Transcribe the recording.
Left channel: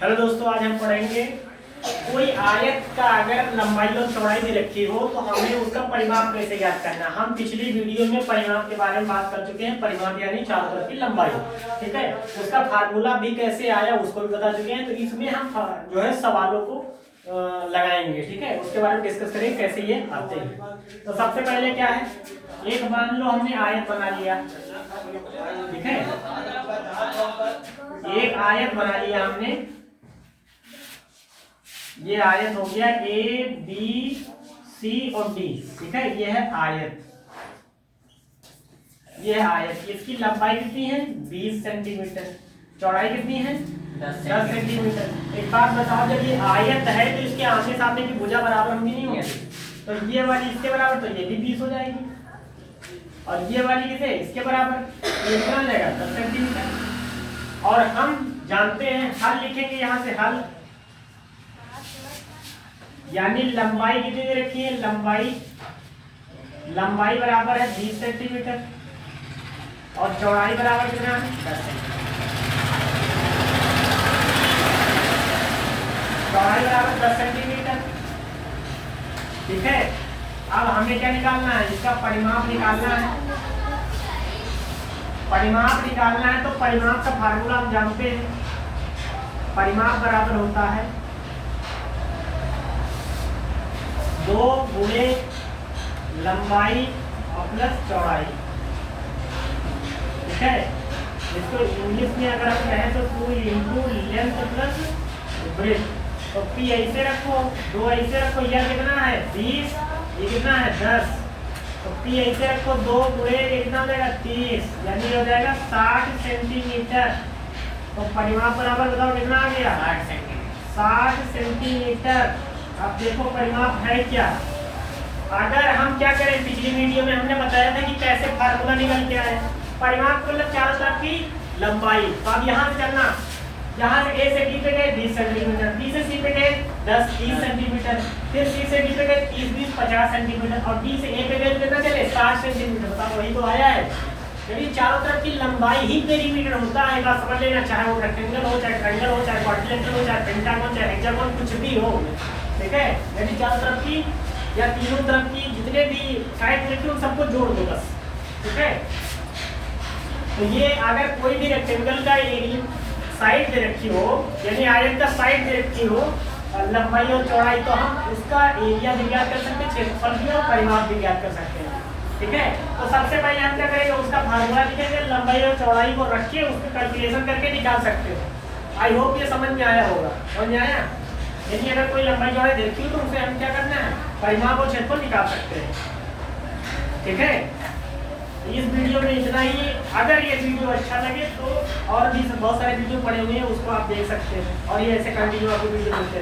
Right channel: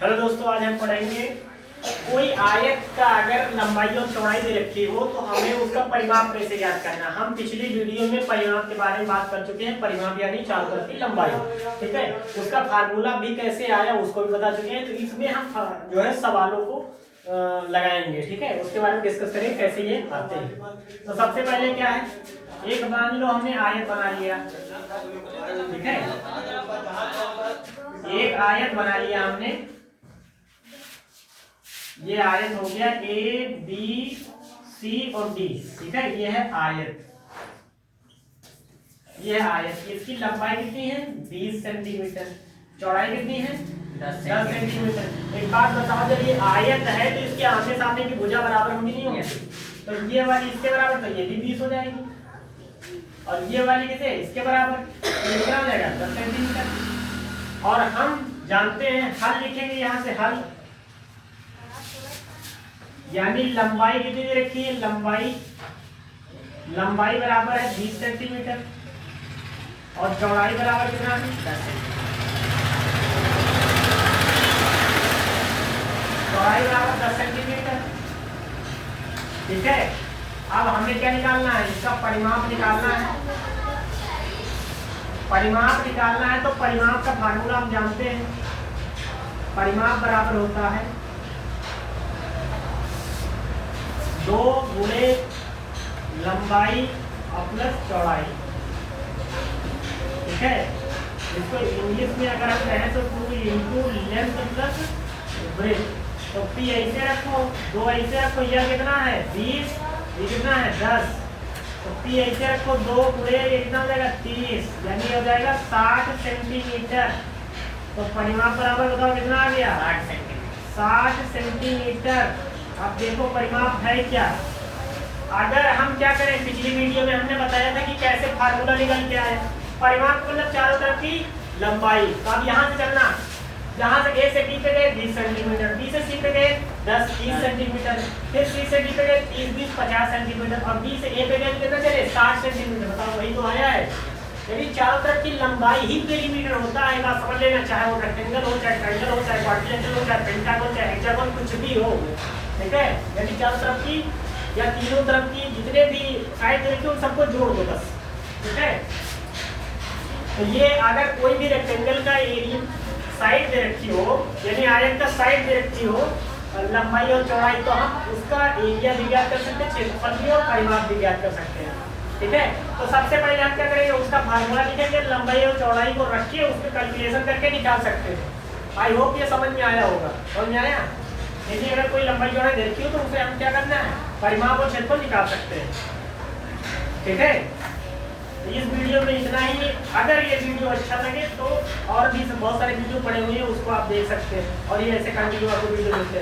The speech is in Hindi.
हेलो दोस्तों, आज हम पढ़ेंगे कोई आयत का अगर लंबाई और चौड़ाई दे रखी हो तो हमें उसका परिमाप कैसे ज्ञात करना। हम पिछली वीडियो में परिमाप के बारे में बात कर चुके हैं। परिमाप यानी चारों की लंबाई, ठीक है। उसका फार्मूला भी कैसे आया उसको भी बता चुके हैं। तो इसमें हम जो है सवालों को लगाएंगे, ठीक है। उसके बारे में डिस्कस करेंगे कैसे ये आते हैं। तो सबसे पहले क्या है, एक मान लो हमने आयत बना लिया, ठीक है। एक आयत बना लिया हमने, ये आयत हो गया ए बी सी और डी, ठीक है। ये है आयत, ये है आयत। इसकी लंबाई कितनी है 20 सेंटीमीटर, चौड़ाई कितनी है 10 सेंटीमीटर। एक बात बताओ, जब ये आयत है तो इसके आमने सामने की भुजा बराबर होंगी नहीं होगी? तो ये वाली इसके बराबर, तो ये भी 20 हो जाएगी। और ये वाली कितने इसके बराबर, तो कितना हो जाएगा 10 सेंटीमीटर। और हम जानते हैं, हल लिखेंगे यहाँ से, हल यानी लंबाई कितनी दे रखी है, लंबाई बराबर है 20 सेंटीमीटर और चौड़ाई बराबर कितना है 10 सेंटीमीटर। चौड़ाई बराबर 10 सेंटीमीटर, ठीक है। अब हमें क्या निकालना है, इसका परिमाप निकालना है। परिमाप निकालना है तो परिमाप का फार्मूला हम जानते हैं। परिमाप बराबर होता है 2 गुणे लंबाई प्लस चौड़ाई, ठीक है। इसको इंग्लिश में अगर हम कहें तो 2 इंटू लेंथ प्लस ब्रेथ। तो पी ऐसे रखो, 2 ऐसे रखो, यह कितना है 20, ये कितना है 10। तो पी ऐसे रखो, 2 गुणे ये कितना हो जाएगा 30, यानी हो जाएगा 60 सेंटीमीटर। तो परिमाप बराबर बताओ कितना आ गया 60 सेंटीमीटर। अब देखो परिमाप है क्या। अगर हम क्या करें, पिछली वीडियो में हमने बताया था कि कैसे फार्मूला निकल के आए। परिमाप मतलब चारों तरफ की लंबाई। तो अब यहाँ से चलना, यहाँ से ए से डी पे गए 20 सेंटीमीटर, बी से सी पे गए 10-30 सेंटीमीटर, फिर सी से डी पे गए 30-20-50 सेंटीमीटर, और डी से ए पे गए तो कितना चले 60 सेंटीमीटर। बताओ वही तो आया है। यदि चारों तरफ की लंबाई ही पेरीमीटर होता है, बात समझ लेना। चाहे वो रेक्टेंगल हो, चाहे ट्रायंगल हो, चाहे क्वाड्रिलेटरल हो, चाहे पेंटागन, चाहे हेक्सागन, कुछ भी हो, ठीक है। यदि चारों तरफ की या तीनों तरफ की जितने भी साइड रखी उन सबको जोड़ दो बस, ठीक है। तो ये अगर कोई भी रेक्टेंगल का एरिया साइड दे रखी हो, यानी आयत का साइड दे रखी हो, लंबाई और चौड़ाई, तो हम उसका एरिया भी ज्ञात कर सकते हैं, क्षेत्रफल भी और परिमाप भी ज्ञात कर सकते हैं, ठीक है। तो सबसे पहले हम क्या करेंगे, उसका फार्मूला लिखेंगे, लंबाई और चौड़ाई को रखिए, उसके कैलकुलेशन करके निकाल सकते हैं। आई होप ये समझ में आया होगा। समझ में आया? यदि अगर कोई लंबाई चौड़ाई दे रखी हो तो उसे हम क्या करना है, परिमाप और क्षेत्रफल निकाल सकते हैं, ठीक है। इस वीडियो में इतना ही। अगर ये वीडियो अच्छा लगे तो और भी बहुत सारे वीडियो पड़े हुए हैं, उसको आप देख सकते हैं। और ये ऐसे कंटिन्यू आपको वीडियो मिलते हैं।